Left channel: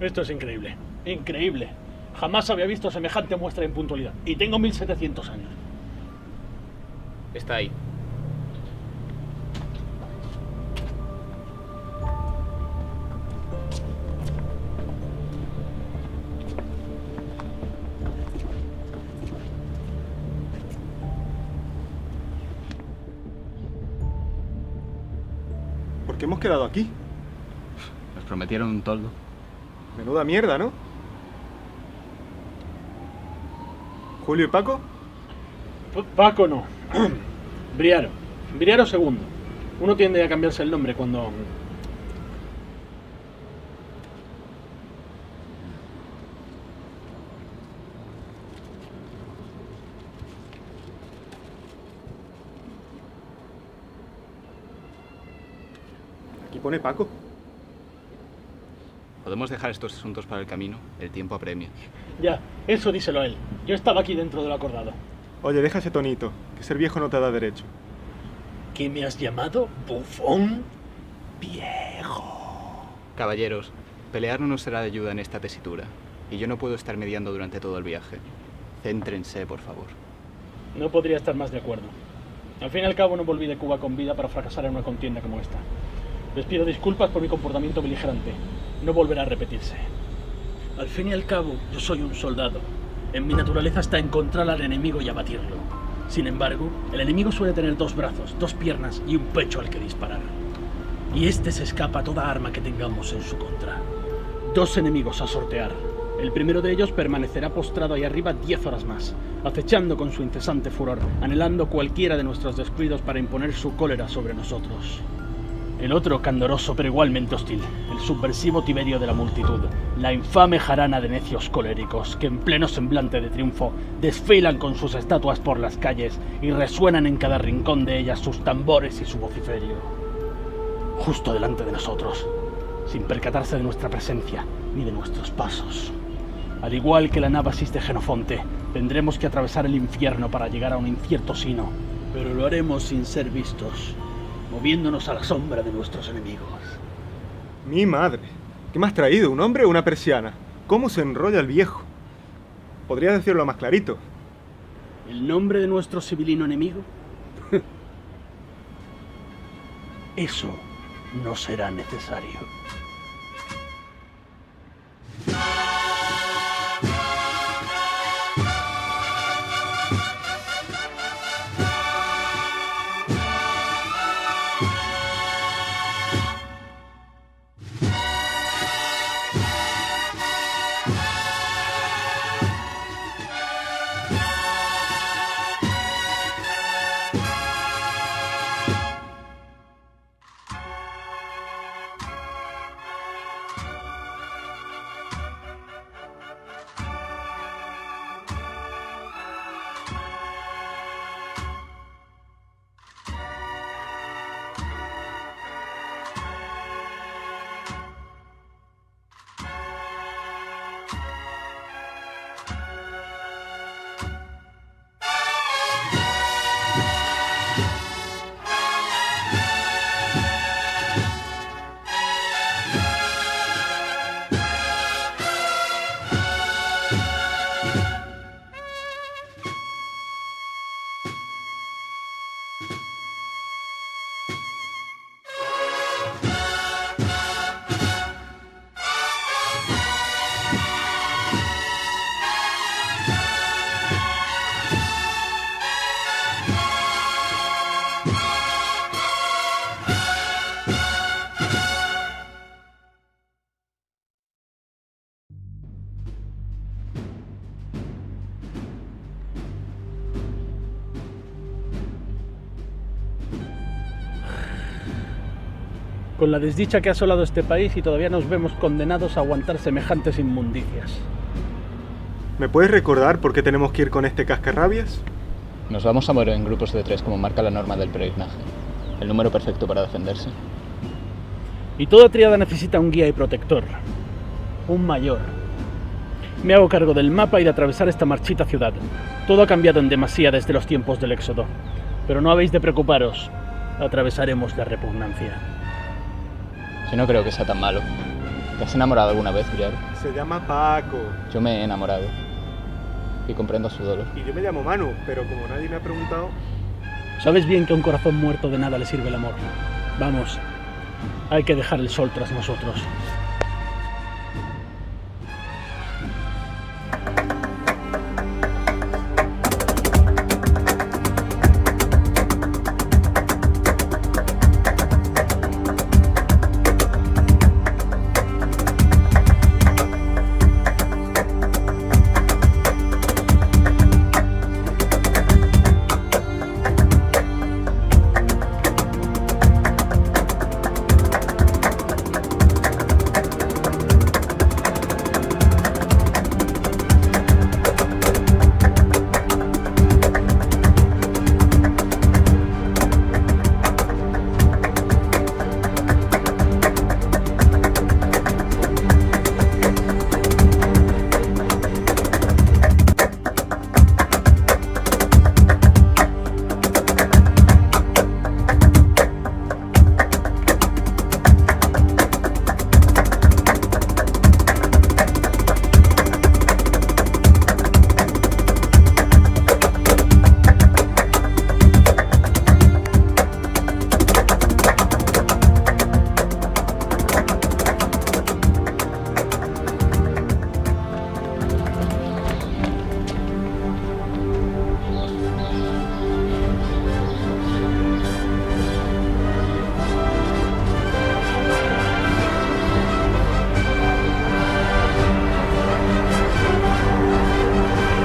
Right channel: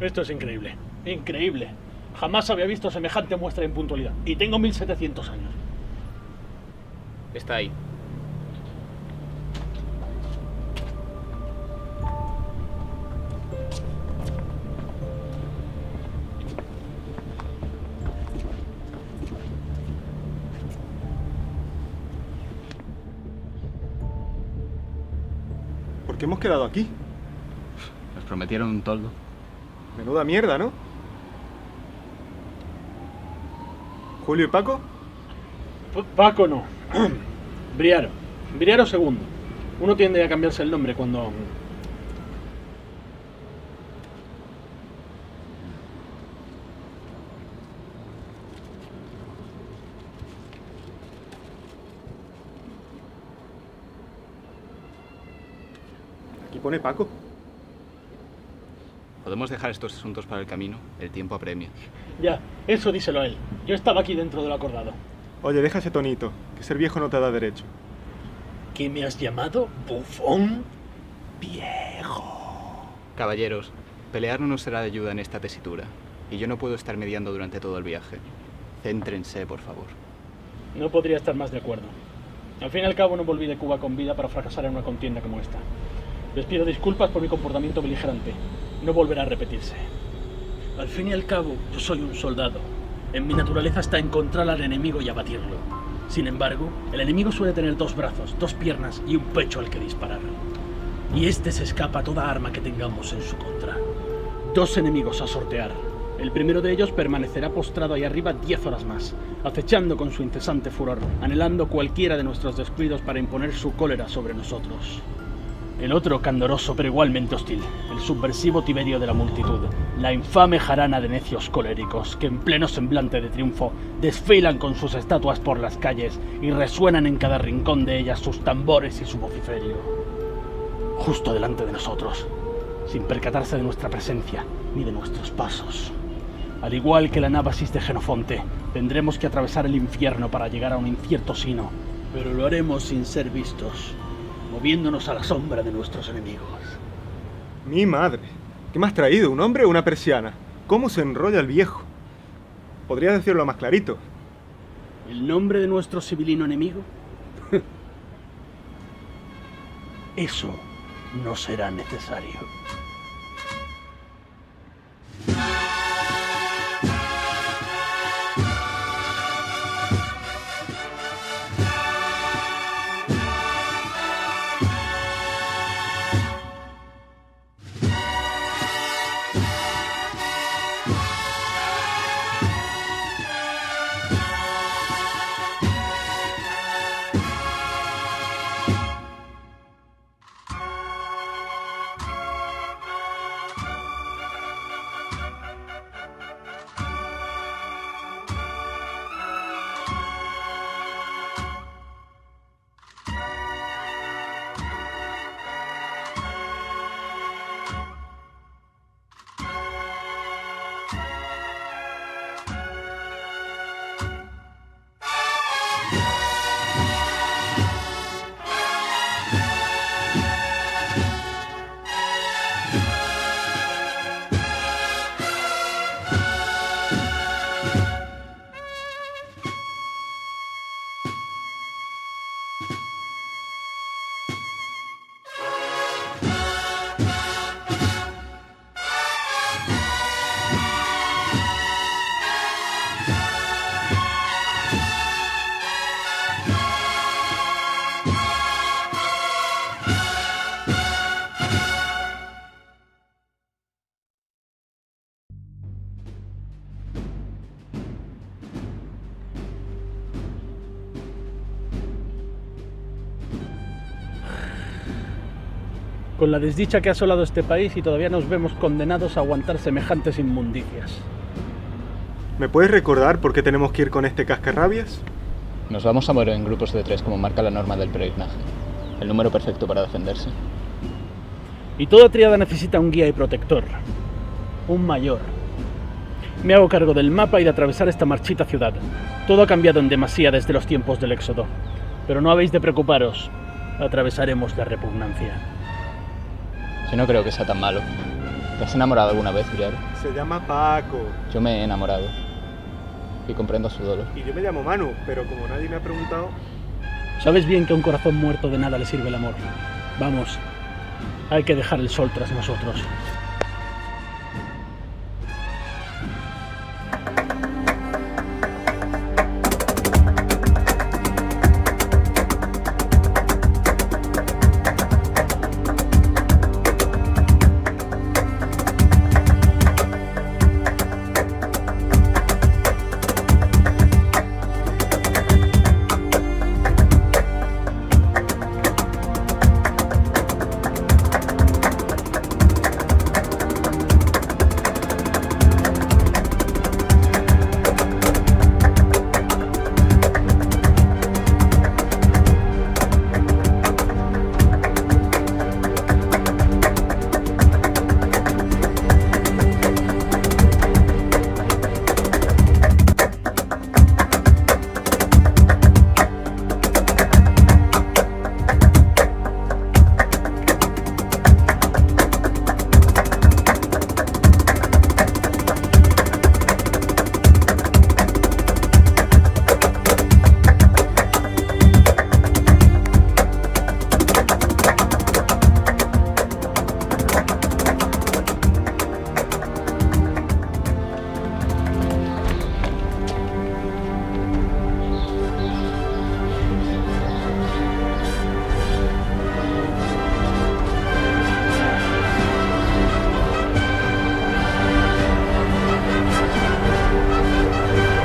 Esto es increíble. Increíble. Jamás había visto semejante muestra de impuntualidad. Y tengo 1700 años. Está ahí. ¿Por qué hemos quedado aquí? Nos prometieron un toldo. Menuda mierda, ¿no? ¿Julio y Paco? Paco no. Briaro. Briaro segundo. Uno tiende a cambiarse el nombre cuando... Aquí pone Paco. ¿Podemos dejar estos asuntos para el camino? El tiempo apremia. Ya, eso díselo a él. Yo estaba aquí dentro de lo acordado. Oye, deja ese tonito, que ser viejo no te da derecho. ¿Qué me has llamado? ¿Bufón? Viejo. Caballeros, pelear no nos será de ayuda en esta tesitura. Y yo no puedo estar mediando durante todo el viaje. Céntrense, por favor. No podría estar más de acuerdo. Al fin y al cabo no volví de Cuba con vida para fracasar en una contienda como esta. Les pido disculpas por mi comportamiento beligerante. No volverá a repetirse. Al fin y al cabo, yo soy un soldado. En mi naturaleza está encontrar al enemigo y abatirlo. Sin embargo, el enemigo suele tener dos brazos, dos piernas y un pecho al que disparar. Y este se escapa a toda arma que tengamos en su contra. Dos enemigos a sortear. El primero de ellos permanecerá postrado ahí arriba 10 horas más, acechando con su incesante furor, anhelando cualquiera de nuestros descuidos para imponer su cólera sobre nosotros. El otro, candoroso pero igualmente hostil, el subversivo Tiberio de la multitud, la infame jarana de necios coléricos que en pleno semblante de triunfo desfilan con sus estatuas por las calles y resuenan en cada rincón de ellas sus tambores y su vociferio. Justo delante de nosotros, sin percatarse de nuestra presencia ni de nuestros pasos. Al igual que la Nábasis de Genofonte, tendremos que atravesar el infierno para llegar a un incierto sino, pero lo haremos sin ser vistos, moviéndonos a la sombra de nuestros enemigos. Mi madre. ¿Qué me has traído? ¿Un hombre o una persiana? ¿Cómo se enrolla el viejo? ¿Podrías decirlo más clarito? ¿El nombre de nuestro civilino enemigo? Eso no será necesario. Con la desdicha que ha asolado este país y todavía nos vemos condenados a aguantar semejantes inmundicias. ¿Me puedes recordar por qué tenemos que ir con este cascarrabias? Nos vamos a mover en grupos de 3 como marca la norma del peregrinaje. El número perfecto para defenderse. Y toda tríada necesita un guía y protector. Un mayor. Me hago cargo del mapa y de atravesar esta marchita ciudad. Todo ha cambiado en demasía desde los tiempos del éxodo. Pero no habéis de preocuparos. Atravesaremos la repugnancia. Yo no creo que sea tan malo. ¿Te has enamorado alguna vez, Briaro? Se llama Paco. Yo me he enamorado. Y comprendo su dolor. Y yo me llamo Manu, pero como nadie me ha preguntado... Sabes bien que a un corazón muerto de nada le sirve el amor. Vamos, hay que dejar el sol tras nosotros.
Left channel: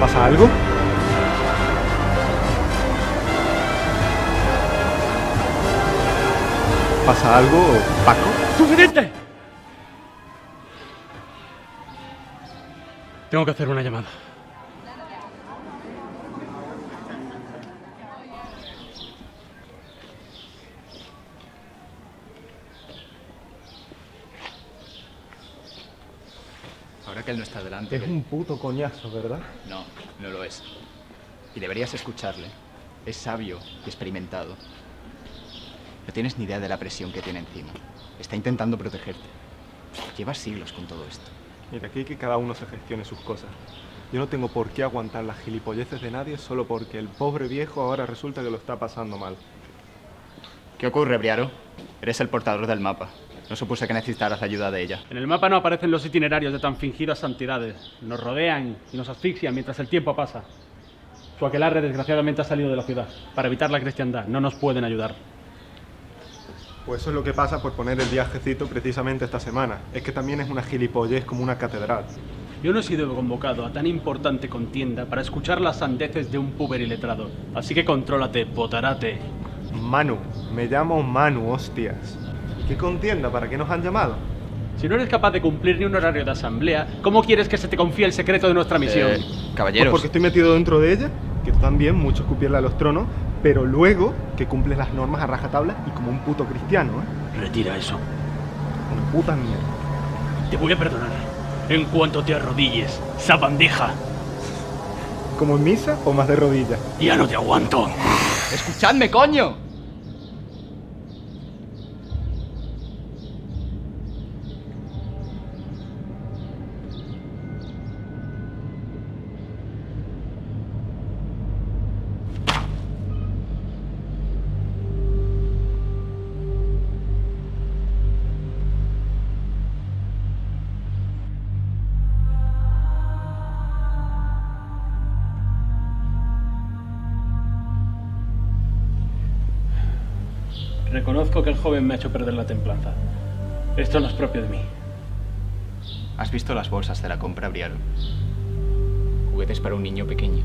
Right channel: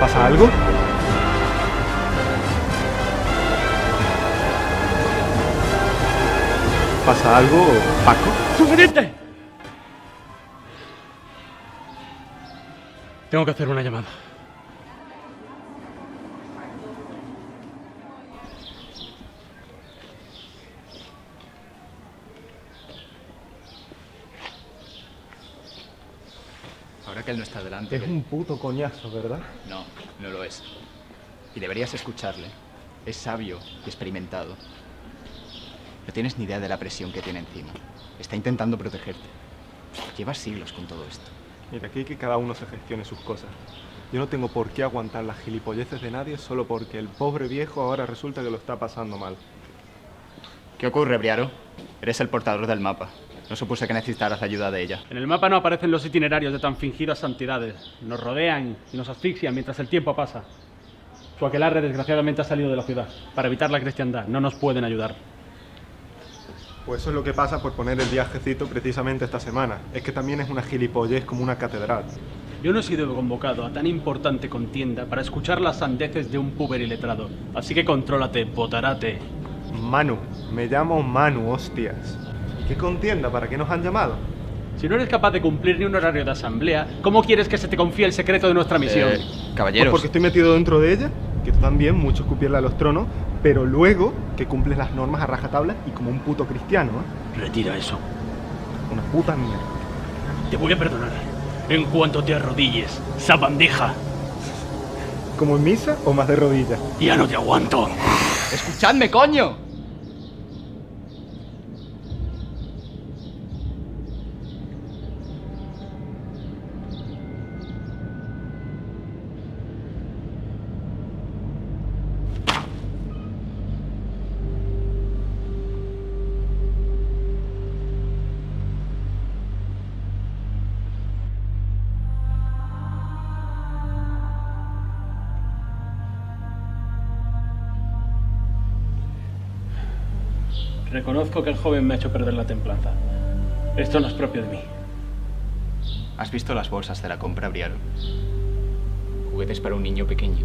¿Pasa algo? ¿Pasa algo, Paco? ¡Suficiente! Tengo que hacer una llamada. Ahora que él no está delante... Es un puto coñazo, ¿verdad? No, no lo es. Y deberías escucharle. Es sabio y experimentado. No tienes ni idea de la presión que tiene encima. Está intentando protegerte. Llevas siglos con todo esto. Mira, aquí hay que cada uno se gestione sus cosas. Yo no tengo por qué aguantar las gilipolleces de nadie solo porque el pobre viejo ahora resulta que lo está pasando mal. ¿Qué ocurre, Briaro? Eres el portador del mapa. No supuse que necesitaras la ayuda de ella. En el mapa no aparecen los itinerarios de tan fingidas cantidades. Nos rodean y nos asfixian mientras el tiempo pasa. Su aquelarre desgraciadamente ha salido de la ciudad. Para evitar la cristiandad, no nos pueden ayudar. Pues eso es lo que pasa por poner el viajecito precisamente esta semana. Es que también es una gilipollez como una catedral. Yo no he sido convocado a tan importante contienda para escuchar las sandeces de un puberiletrado. Así que contrólate, botarate. Manu, me llamo Manu, hostias. ¿Y qué contienda? ¿Para qué nos han llamado? Si no eres capaz de cumplir ni un horario de asamblea, ¿cómo quieres que se te confíe el secreto de nuestra misión? Caballeros. Pues porque estoy metido dentro de ella, que tú también, mucho escupirle a los tronos, pero luego que cumples las normas a rajatabla y como un puto cristiano, ¿eh? Retira eso. Una puta mierda. Te voy a perdonar en cuanto te arrodilles, sabandija. ¿Como en misa o más de rodillas? Ya no te aguanto. ¡Escuchadme, coño! Reconozco que el joven me ha hecho perder la templanza. Esto no es propio de mí. ¿Has visto las bolsas de la compra, Briaro? Juguetes para un niño pequeño.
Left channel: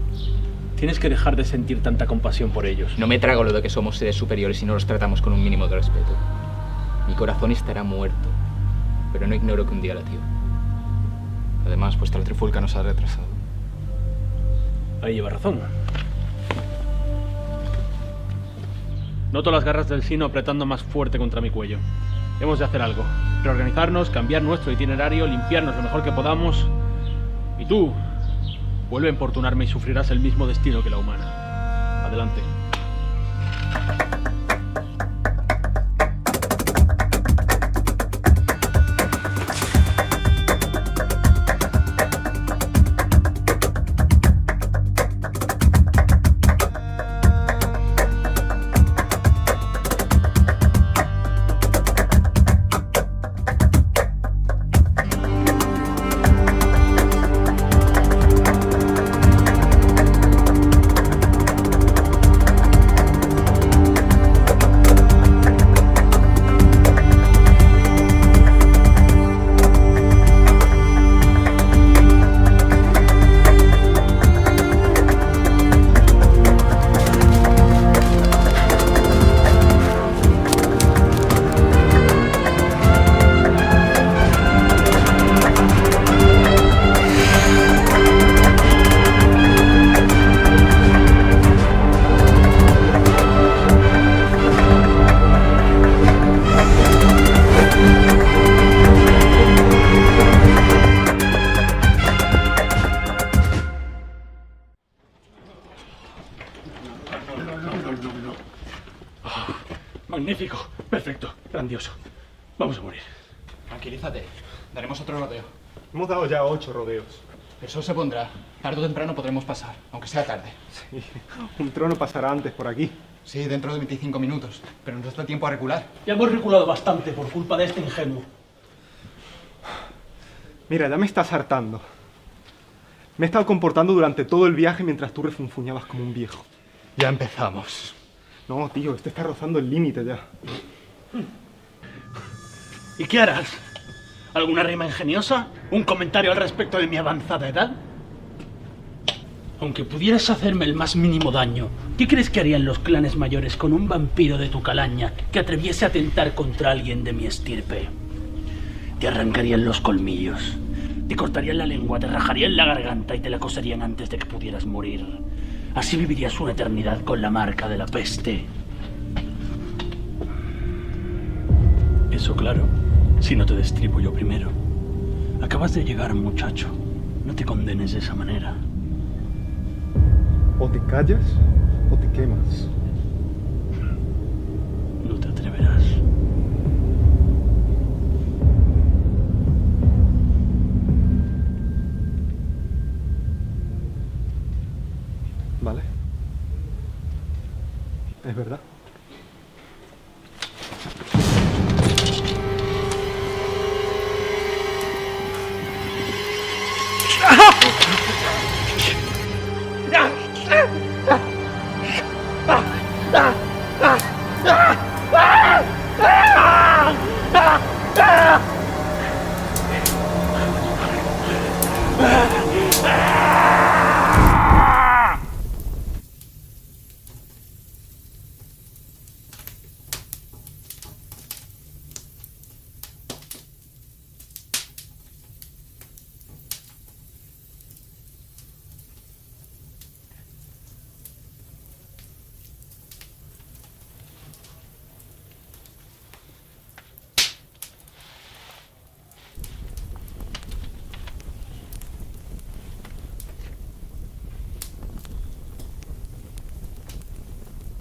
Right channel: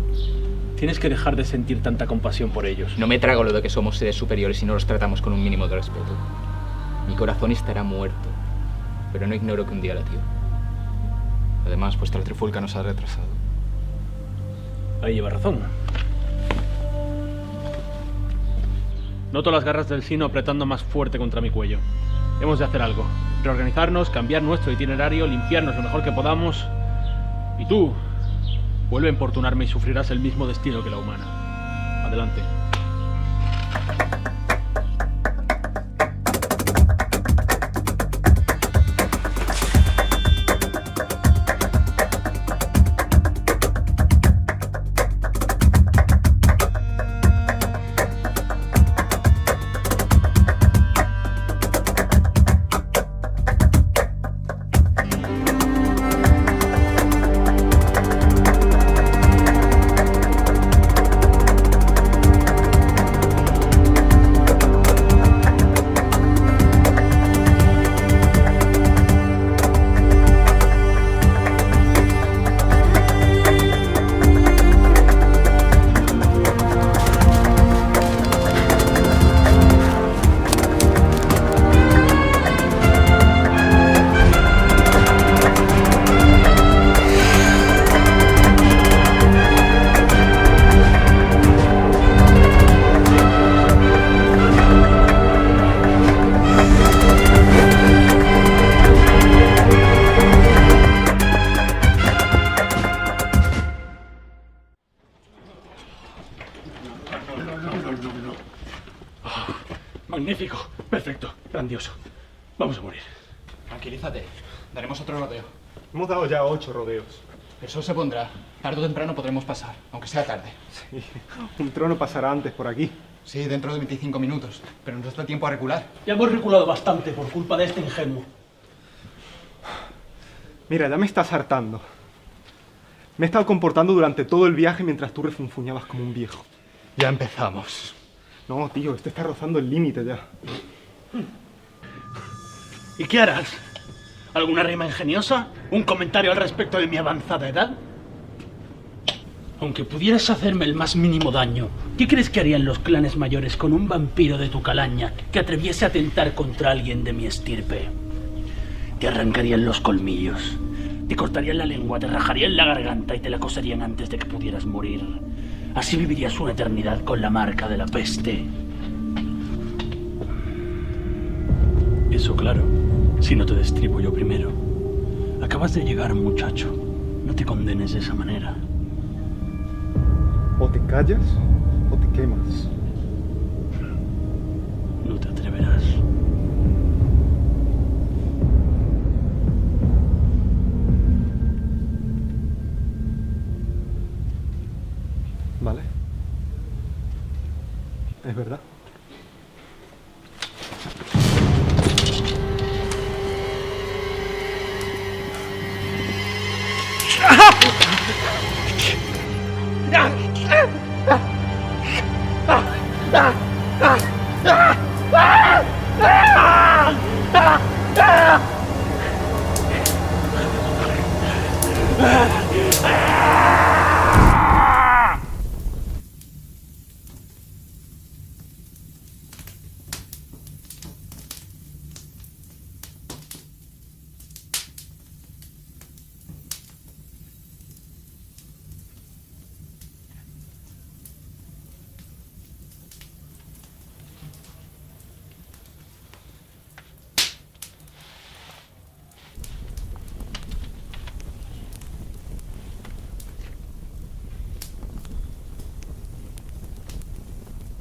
Tienes que dejar de sentir tanta compasión por ellos. No me trago lo de que somos seres superiores y no los tratamos con un mínimo de respeto. Mi corazón estará muerto, pero no ignoro que un día latió. Además, vuestra trifulca nos ha retrasado. Ahí lleva razón. Noto las garras del Gino apretando más fuerte contra mi cuello. Hemos de hacer algo. Reorganizarnos, cambiar nuestro itinerario, limpiarnos lo mejor que podamos. Y tú, vuelve a importunarme y sufrirás el mismo destino que la humana. Adelante. Magnífico. Perfecto. Grandioso. Vamos a morir. Tranquilízate. Daremos otro rodeo. Hemos dado ya 8 rodeos. El sol se pondrá. Tarde o temprano podremos pasar, aunque sea tarde. Sí, un trono pasará antes por aquí. Sí, dentro de 25 minutos. Pero nos da tiempo a recular. Ya hemos reculado bastante por culpa de este ingenuo. Mira, ya me estás hartando. Me he estado comportando durante todo el viaje mientras tú refunfuñabas como un viejo. Ya empezamos. No, tío, este está rozando el límite ya. ¿Y qué harás? ¿Alguna rima ingeniosa? ¿Un comentario al respecto de mi avanzada edad? Aunque pudieras hacerme el más mínimo daño, ¿qué crees que harían los clanes mayores con un vampiro de tu calaña que atreviese a atentar contra alguien de mi estirpe? Te arrancarían los colmillos, te cortarían la lengua, te rajarían la garganta y te la coserían antes de que pudieras morir. Así vivirías una eternidad con la marca de la peste. Eso claro, si no te destripo yo primero. Acabas de llegar, muchacho. No te convienes de esa manera. O te callas o te quemas. No te atreverás. Vale. Es verdad.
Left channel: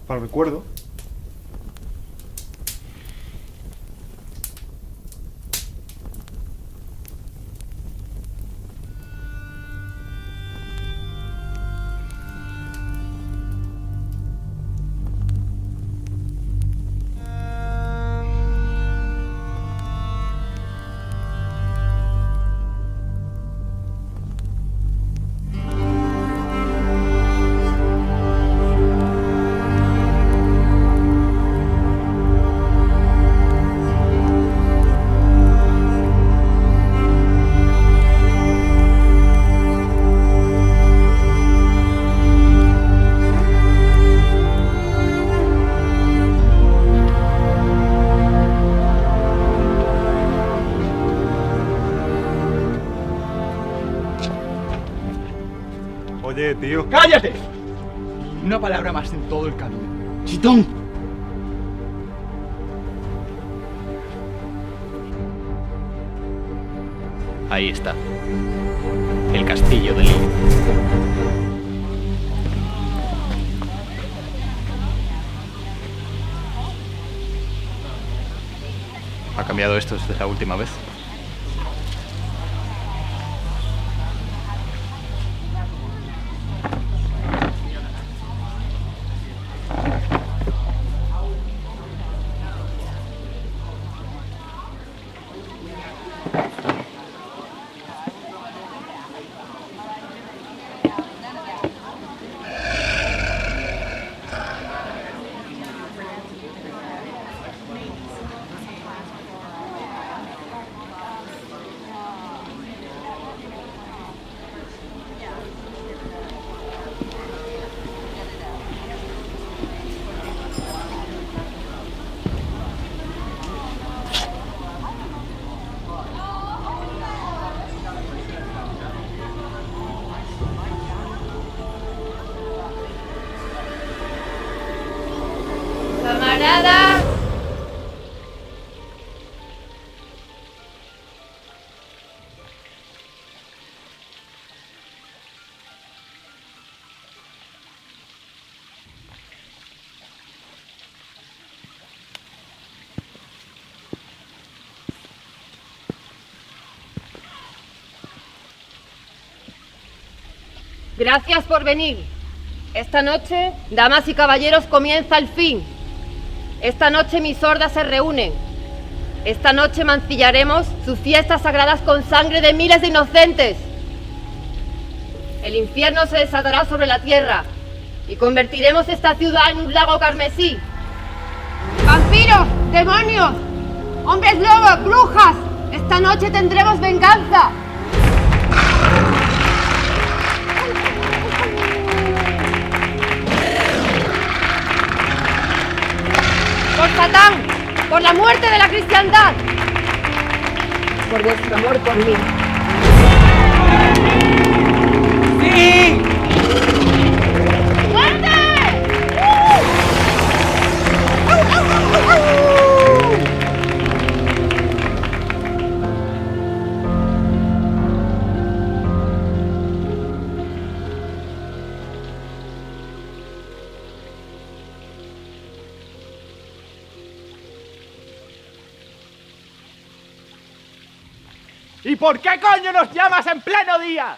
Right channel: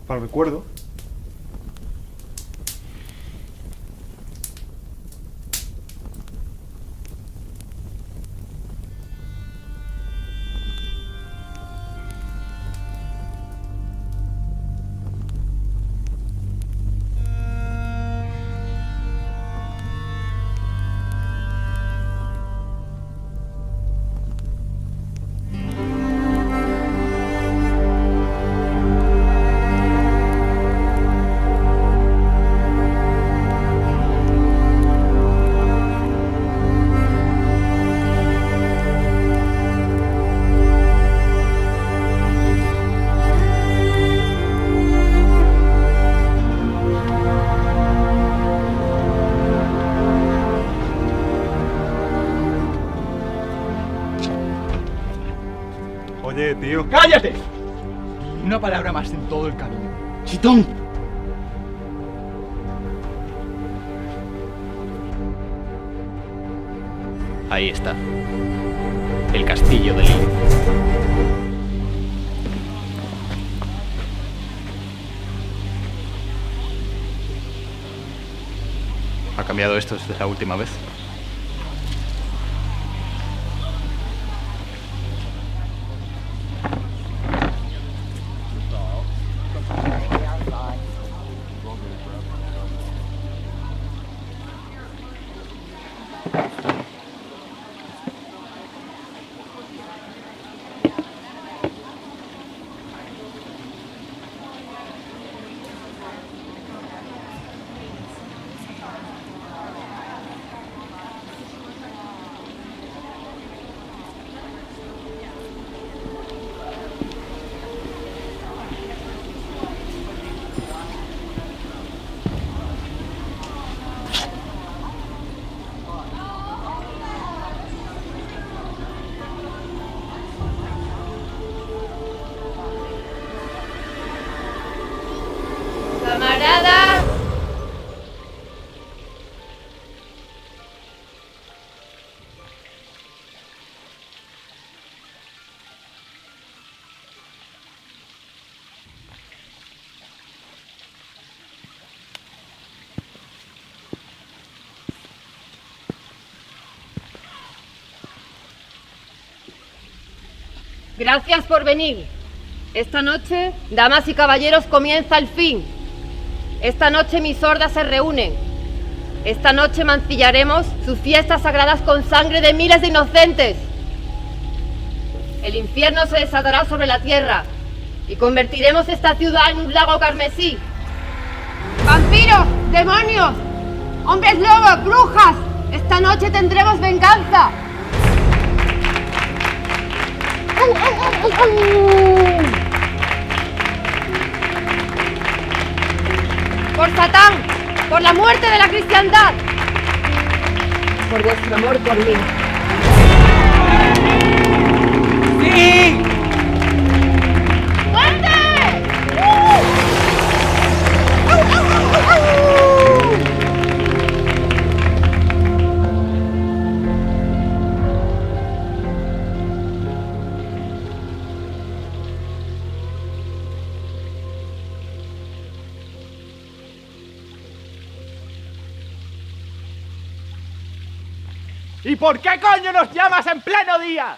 Para el recuerdo. Oye, tío. ¡Cállate! Una palabra más en todo el camino. ¡Chitón! Ahí está. El castillo de Lilith. ¿Ha cambiado esto desde la última vez? Gracias por venir. Esta noche, damas y caballeros, comienza el fin. Esta noche mis hordas se reúnen. Esta noche mancillaremos sus fiestas sagradas con sangre de miles de inocentes. El infierno se desatará sobre la tierra y convertiremos esta ciudad en un lago carmesí. ¡Vampiros! ¡Demonios! ¡Hombres lobos! ¡Brujas! Esta noche tendremos venganza. ¡Satán! ¡Por la muerte de la cristiandad! ¡Por vuestro amor por mí! ¡Sí! ¿Y por qué coño nos llamas en pleno día?